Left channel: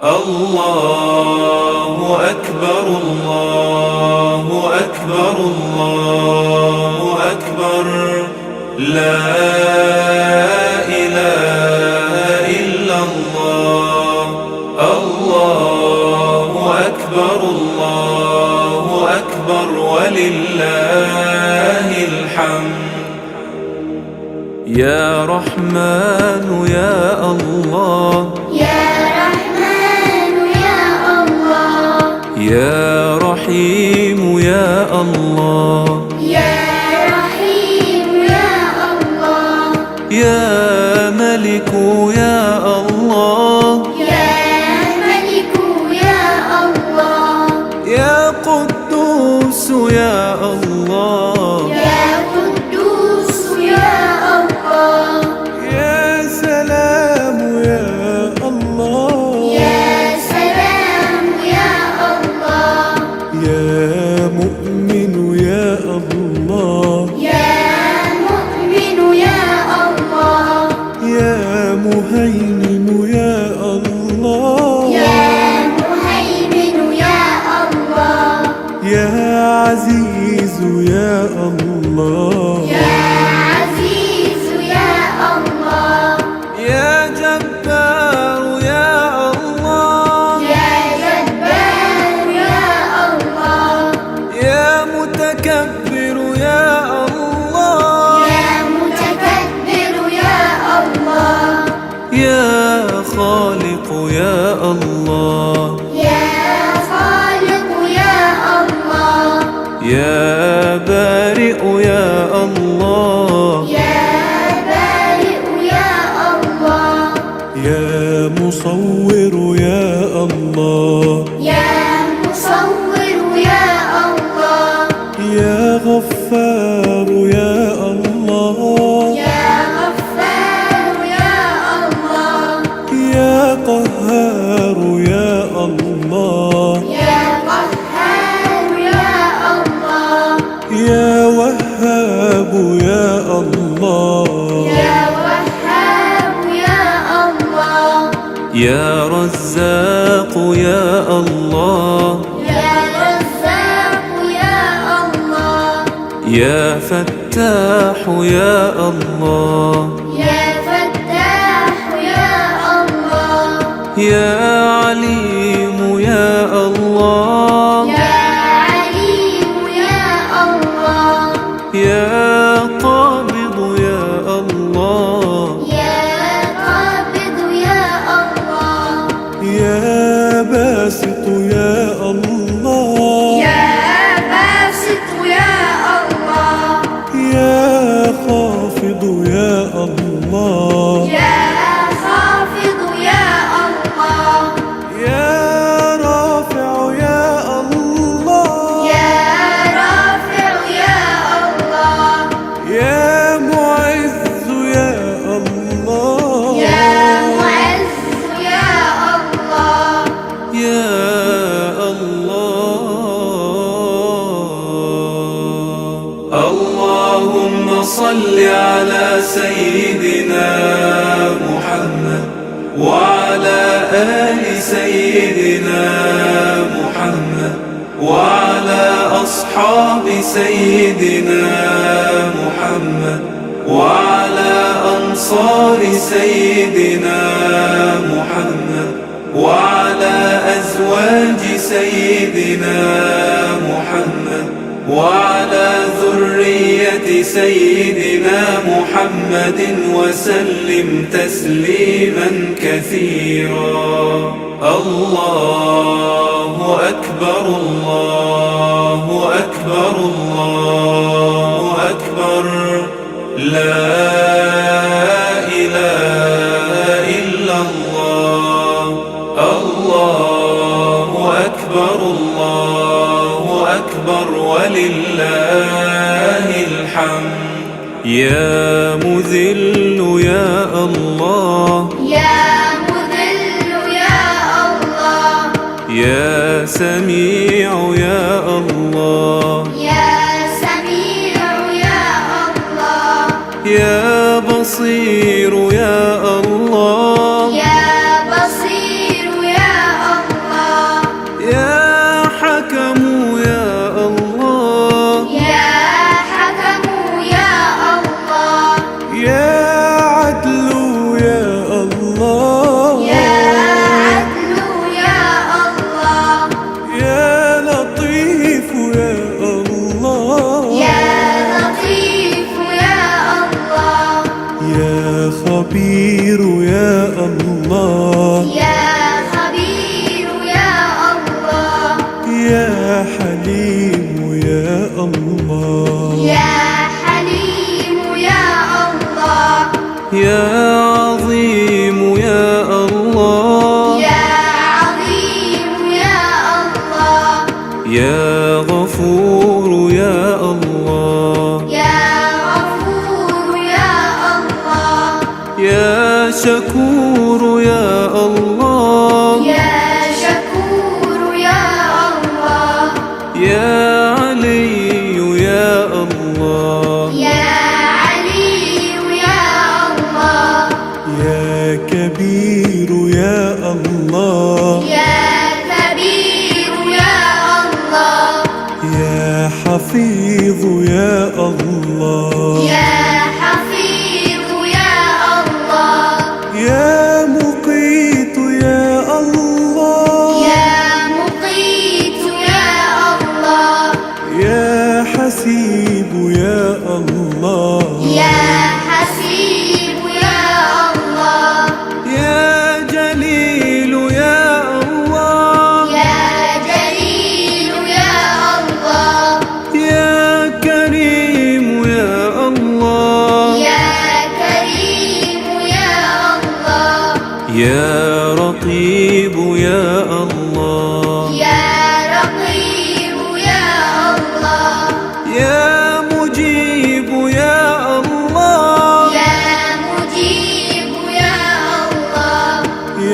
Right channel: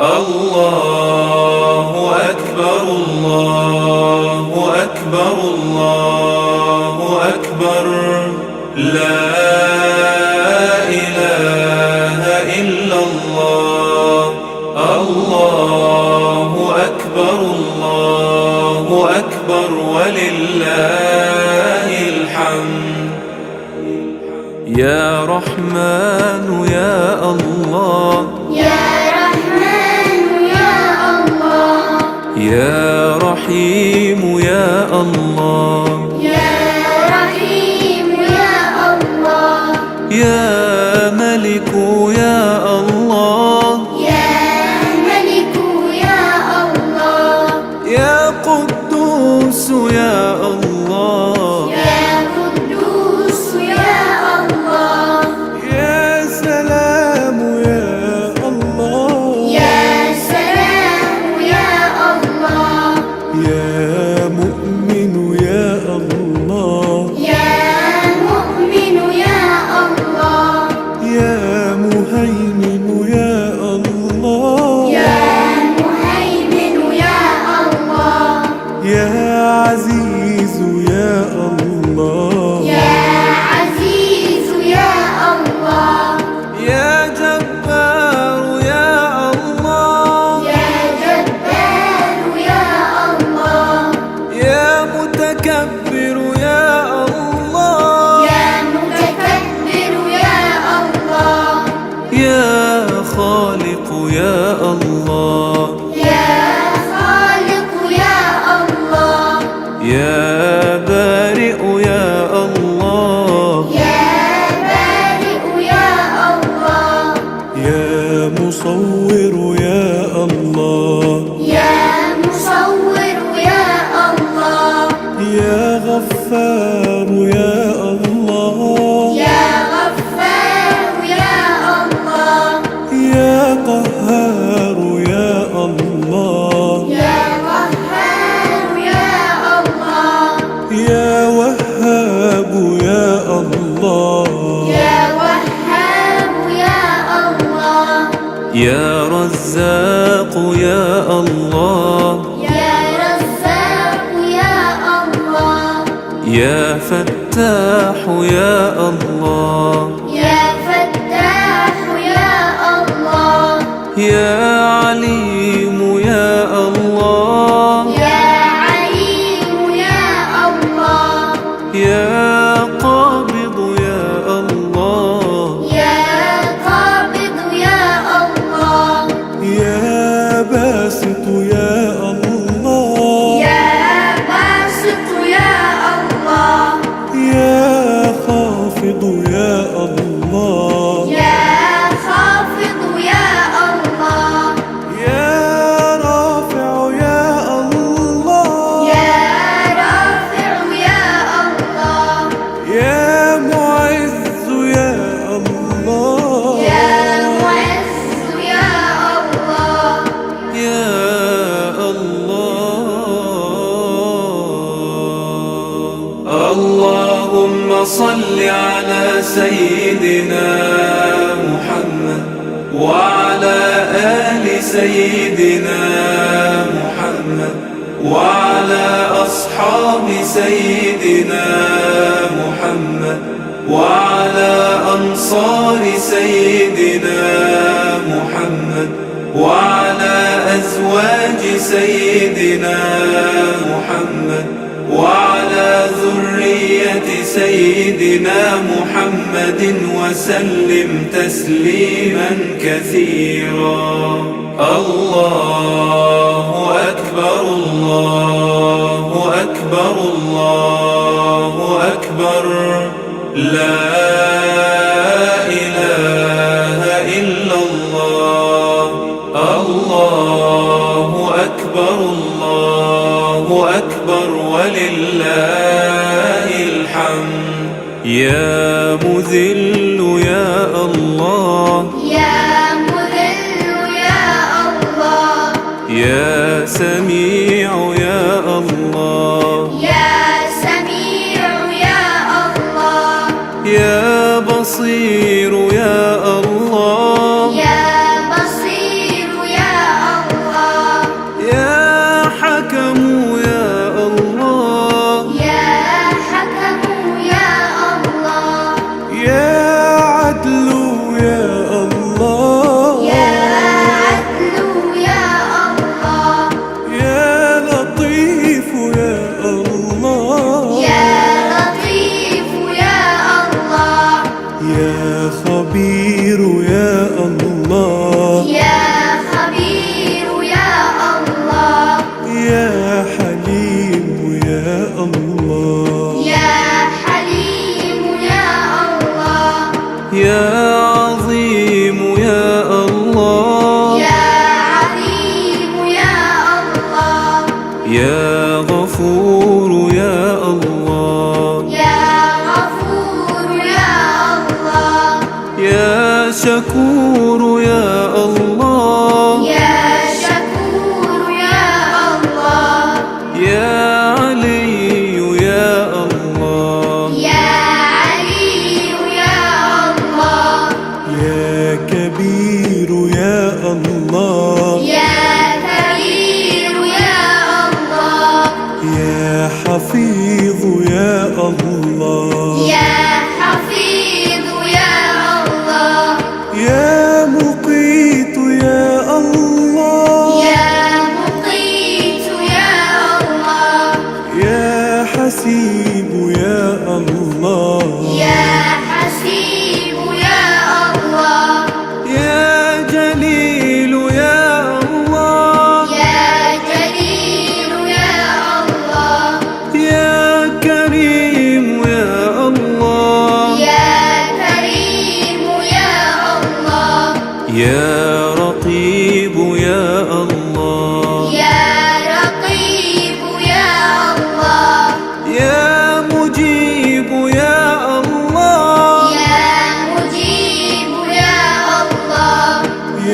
الله أكبر الله أكبر الله أكبر لا إله إلا الله الله أكبر ولله الحمد يا رحمن يا الله يا رحيم يا الله يا ملك يا الله يا قدوس يا الله يا سلام يا الله يا مؤمن يا الله يا مهيمن يا الله يا عزيز يا الله يا جبار يا الله يا متكبر يا الله يا خالق يا الله يا بارئ يا الله يا مصور يا الله يا غفار يا الله يا قهار يا الله يا وهاب يا الله يا رزاق يا الله يا فتاح يا الله يا عليم يا الله يا قابض يا الله يا باسط يا الله يا خافض يا الله يا رافع يا الله يا معز يا الله يا الله اللهم صل على سيدنا محمد وعلى آل سيدنا محمد وعلى أصحاب سيدنا محمد وعلى أنصار سيدنا محمد وعلى أزواج سيدنا محمد وعلى ذرية سيدنا محمد وسلم تسليما كثيرا الله أكبر الله أكبر الله أكبر لا إله إلا الله الله أكبر ولله الحمد يا مذل يا الله يا سميع يا الله يا بصير يا الله يا بصير يا حكم يا الله، يا حكم يا الله، يا عدل يا الله، يا عدل يا الله، يا لطيف يا الله، يا لطيف يا الله، يا خبير يا الله، يا خبير يا الله، يا حليم يا الله، يا حليم يا الله، يا عظيم يا الله، يا عظيم يا الله، يا غفور يا الله، يا غفور يا الله، يا شكور يا الله، يا شكور يا الله، يا علي يا الله، يا علي يا الله، يا كبير يا الله، يا كبير يا الله، يا حفيظ يا الله، يا حفيظ يا الله، يا مقيت يا الله، يا مقيت يا الله، يا حسيب يا الله، يا حسيب يا الله، يا جليل يا الله، يا جليل يا الله، يا كريم يا الله، يا كريم يا الله، يا رقيب يا الله، يا رقيب يا الله، يا مجيب يا الله، يا مجيب يا الله،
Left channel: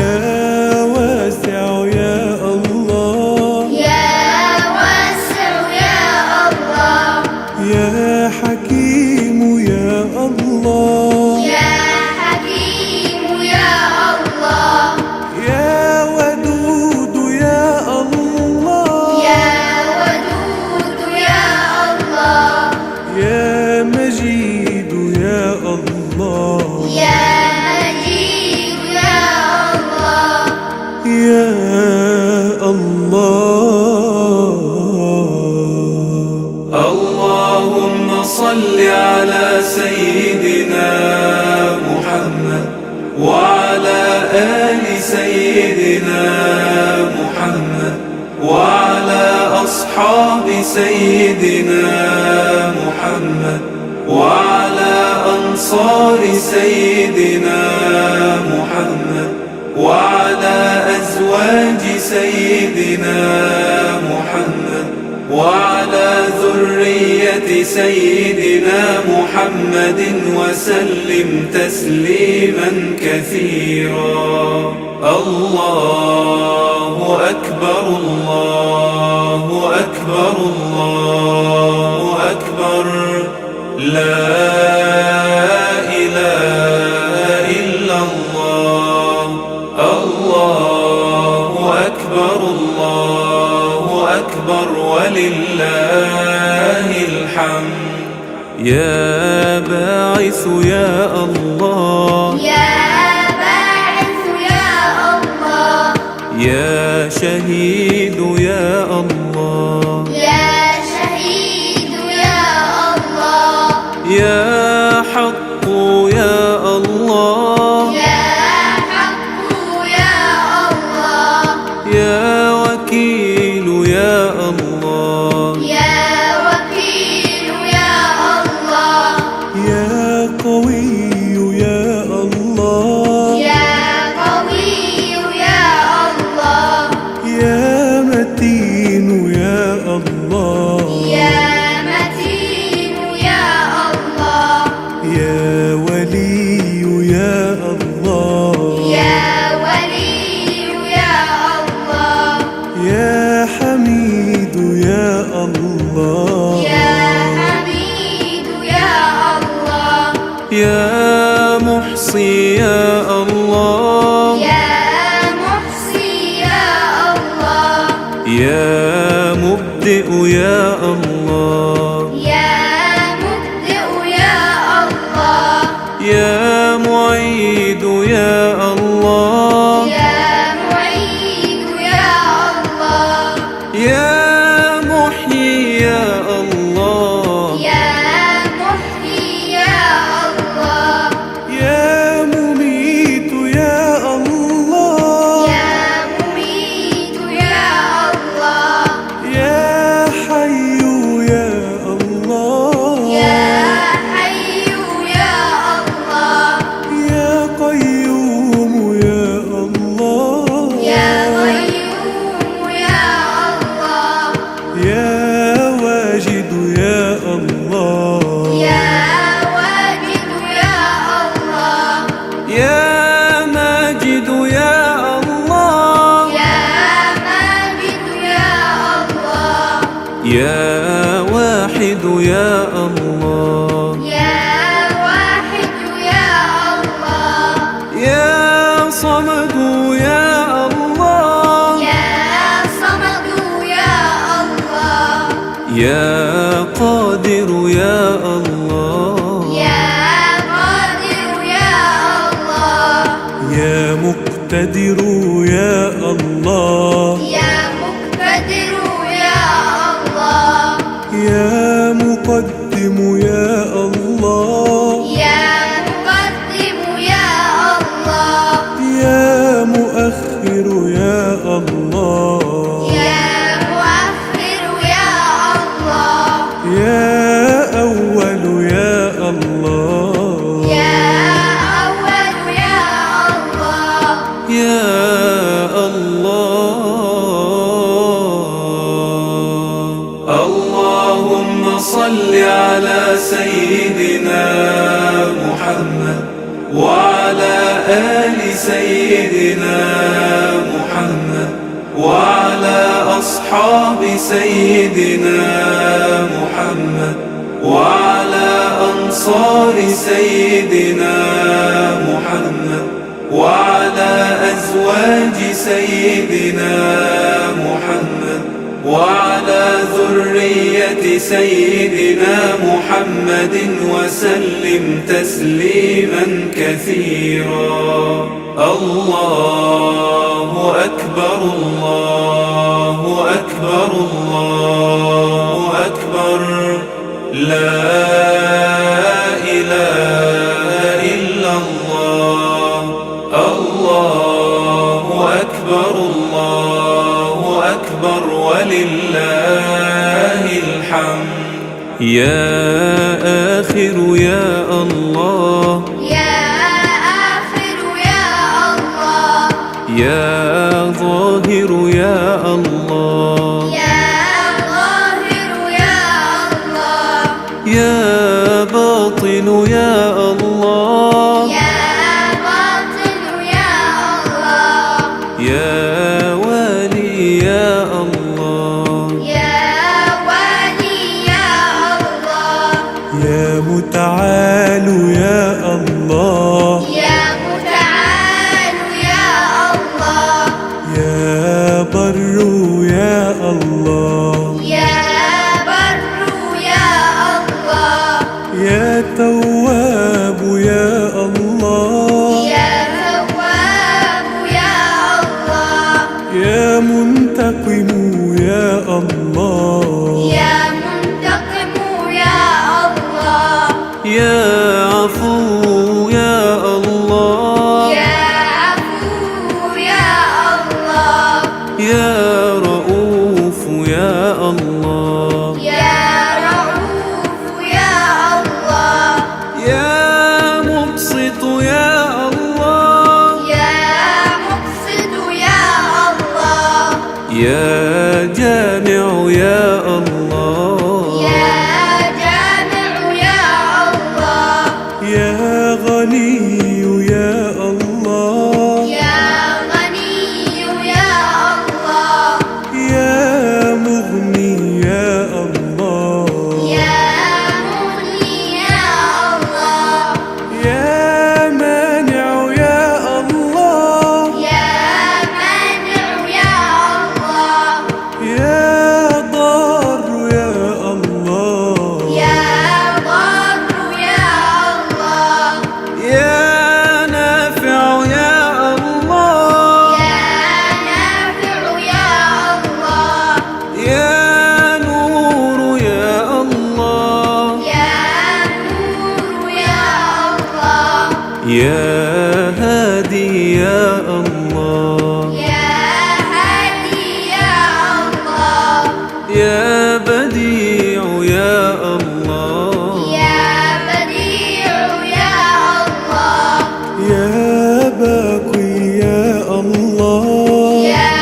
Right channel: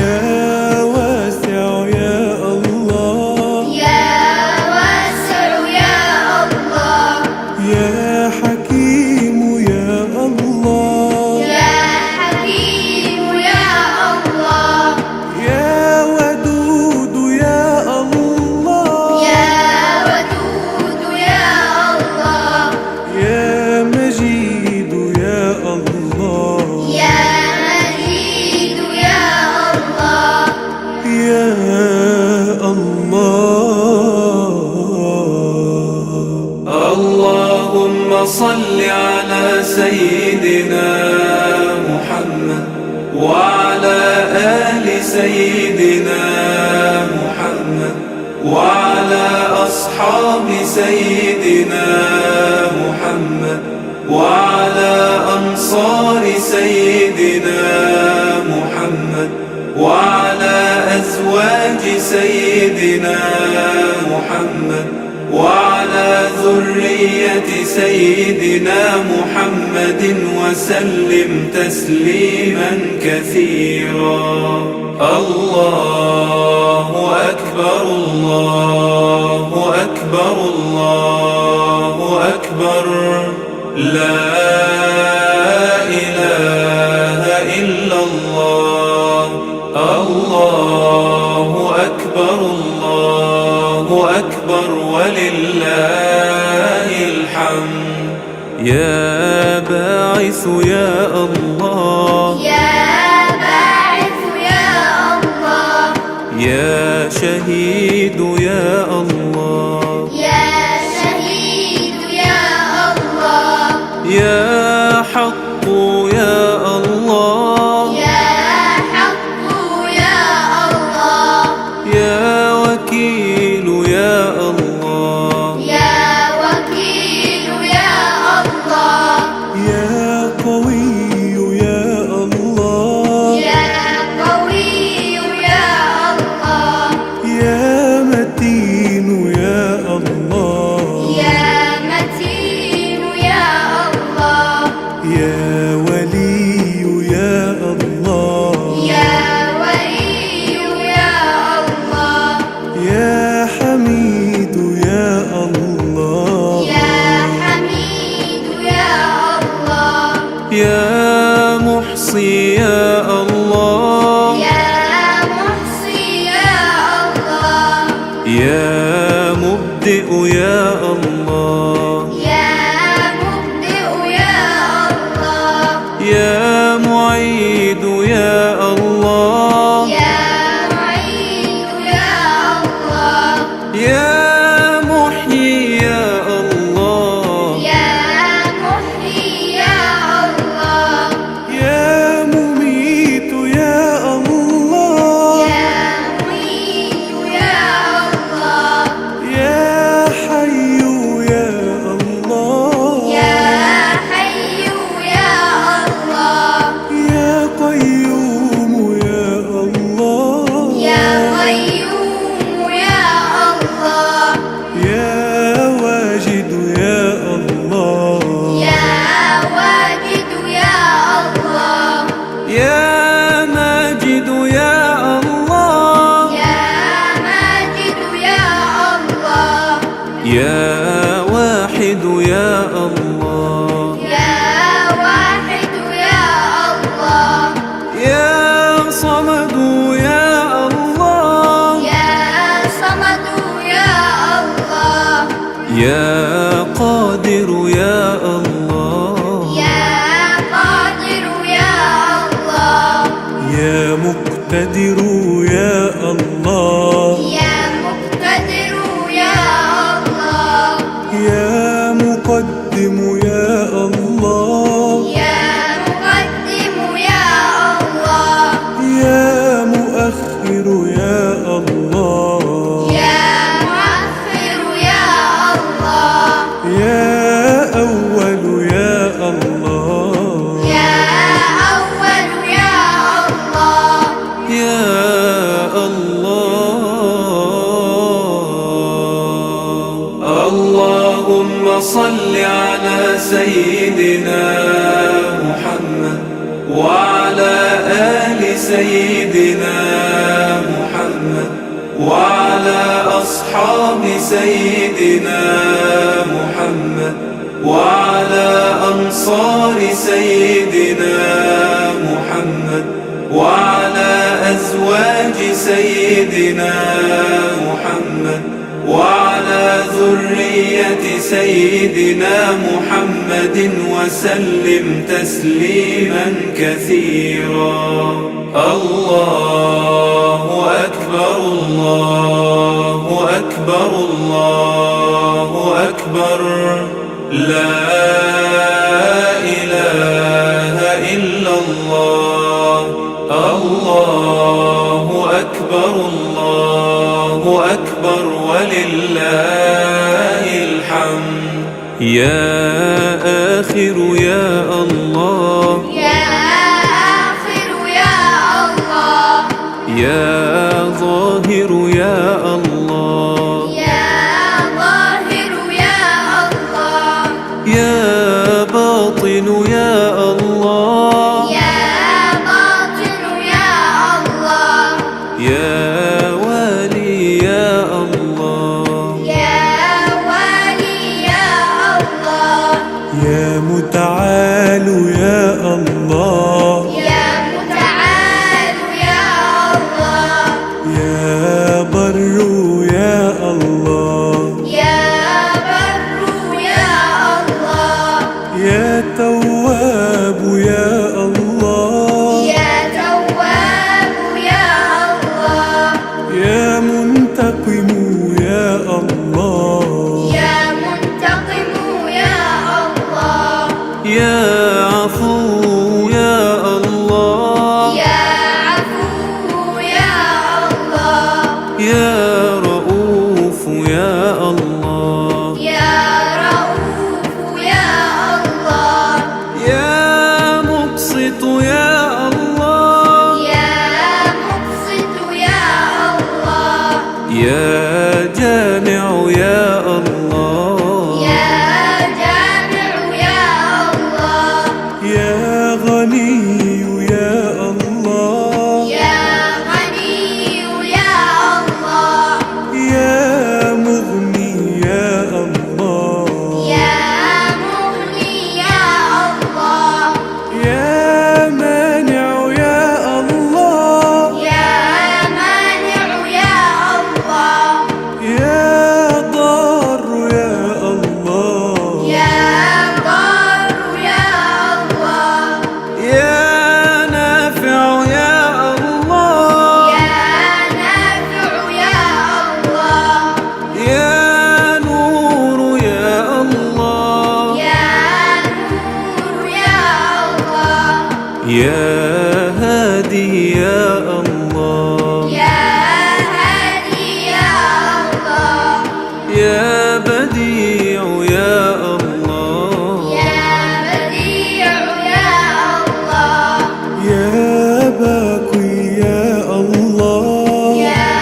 يا واسع يا الله، يا واسع يا الله، يا حكيم يا الله، يا حكيم يا الله، يا ودود يا الله، يا ودود يا الله، يا مجيد يا الله، يا مجيد يا الله، يا الله. اللهم صل على سيدنا محمد وعلى آل سيدنا محمد وعلى أصحاب سيدنا محمد وعلى أنصار سيدنا محمد وعلى أزواج سيدنا محمد وعلى ذرية سيدنا محمد وسلم تسليما كثيرا. الله أكبر الله أكبر الله أكبر، لا إله إلا الله. الله أكبر الله أكبر ولله الحمد. يا باعث يا الله، يا باعث يا الله، يا شهيد يا الله، يا شهيد يا الله، يا حق يا الله، يا حق يا الله، يا وكيل يا الله، يا وكيل يا الله، يا قوي يا الله، يا قوي يا الله، يا متين يا الله، يا متين يا الله، يا ولي يا الله، يا ولي يا الله، يا حميد يا الله، يا حميد يا الله، يا محصي يا الله، يا محصي يا الله، يا مبدئ يا الله، يا مبدئ يا الله، يا معيد يا الله، يا معيد يا الله، يا محيي يا الله، يا محيي يا الله، يا مميت يا الله، يا مميت يا الله، يا حي يا الله، يا حي يا الله، يا قيوم يا الله، يا قيوم يا الله، يا واجد يا الله، يا واجد يا الله، يا ماجد يا الله، يا ماجد يا الله، يا واحد يا الله، يا واحد يا الله، يا صمد يا الله، يا صمد يا الله، يا قادر يا الله، يا قادر يا الله، يا مقتدر يا الله، يا مقتدر يا الله، يا مقدم يا الله، يا مقدم يا الله، يا مؤخر يا الله، يا مؤخر يا الله، يا أول يا الله، يا أول يا الله، يا الله. اللهم صل على سيدنا محمد وعلى آل سيدنا محمد وعلى أصحاب سيدنا محمد وعلى أنصار سيدنا محمد وعلى أزواج سيدنا محمد وعلى ذرية سيدنا محمد وسلم تسليما كثيرا. الله أكبر الله أكبر الله أكبر، لا إله إلا الله. الله أكبر الله أكبر ولله الحمد. يا آخر يا الله، يا آخر يا الله، يا ظاهر يا الله، يا ظاهر يا الله، يا باطن يا الله، يا باطن يا الله، يا والي يا الله، يا والي يا الله، يا متعال يا الله، يا متعال يا الله، يا بر يا الله، يا بر يا الله، يا تواب يا الله، يا تواب يا الله، يا منتقم يا الله، يا منتقم يا الله، يا عفو يا الله، يا عفو يا الله، يا رؤوف يا الله، يا رؤوف يا الله، يا مبسط يا الله، يا مقسط يا الله، يا جامع يا الله، يا جامع يا الله، يا غني يا الله، يا غني يا الله، يا مغني يا الله، يا مغني يا الله، يا مانع يا الله، يا مانع يا الله، يا يا هادي يا الله، يا هادي يا الله، يا بديع يا الله، يا بديع يا الله، يا باقي يا الله، يا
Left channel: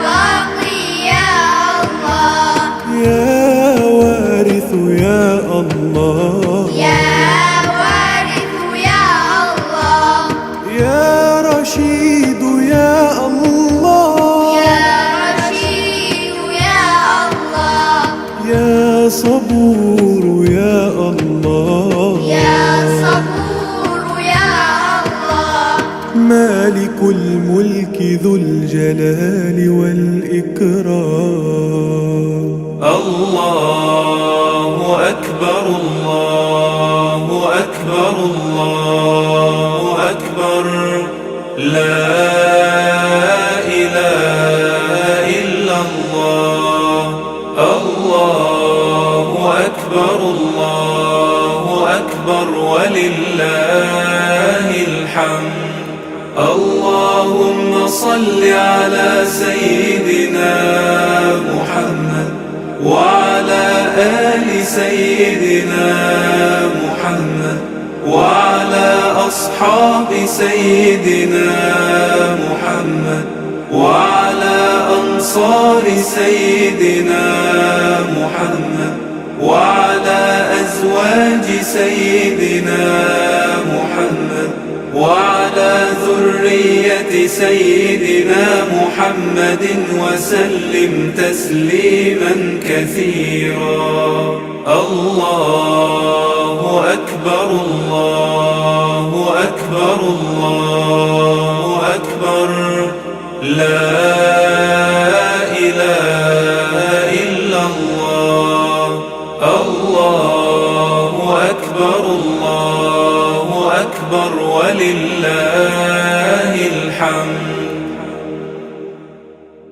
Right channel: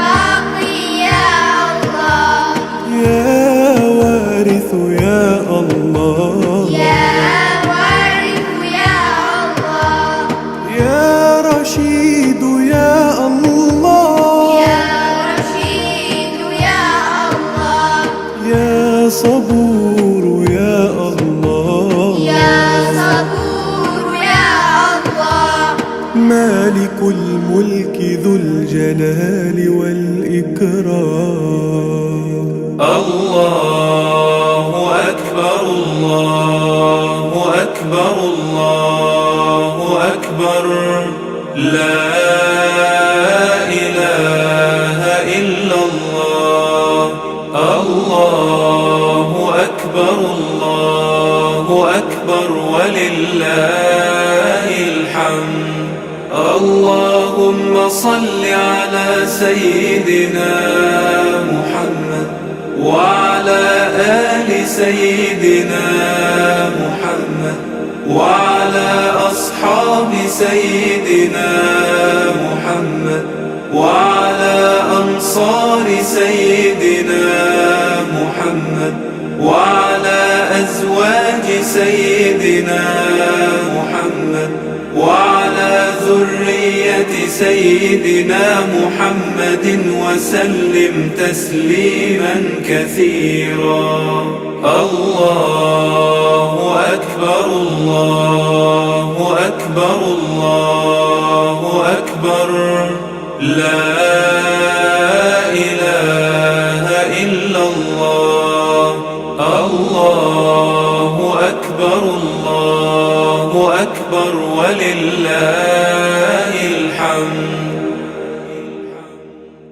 باقي يا الله، يا وارث يا الله، يا وارث يا الله، يا رشيد يا الله، يا رشيد يا الله، يا صبور يا الله، يا صبور يا الله، مالك الملك ذو الجلال والإكرام. الله أكبر الله أكبر الله أكبر، لا إله إلا الله. الله أكبر الله أكبر ولله الحمد. اللهم صل على سيدنا محمد وعلى آل سيدنا محمد وعلى أصحاب سيدنا محمد وعلى أنصار سيدنا محمد وعلى أزواج سيدنا محمد وعلى ذرية سيدنا محمد وسلم تسليما كثيرا. الله أكبر الله أكبر الله أكبر، لا إله إلا الله. الله أكبر الله أكبر ولله الحمد.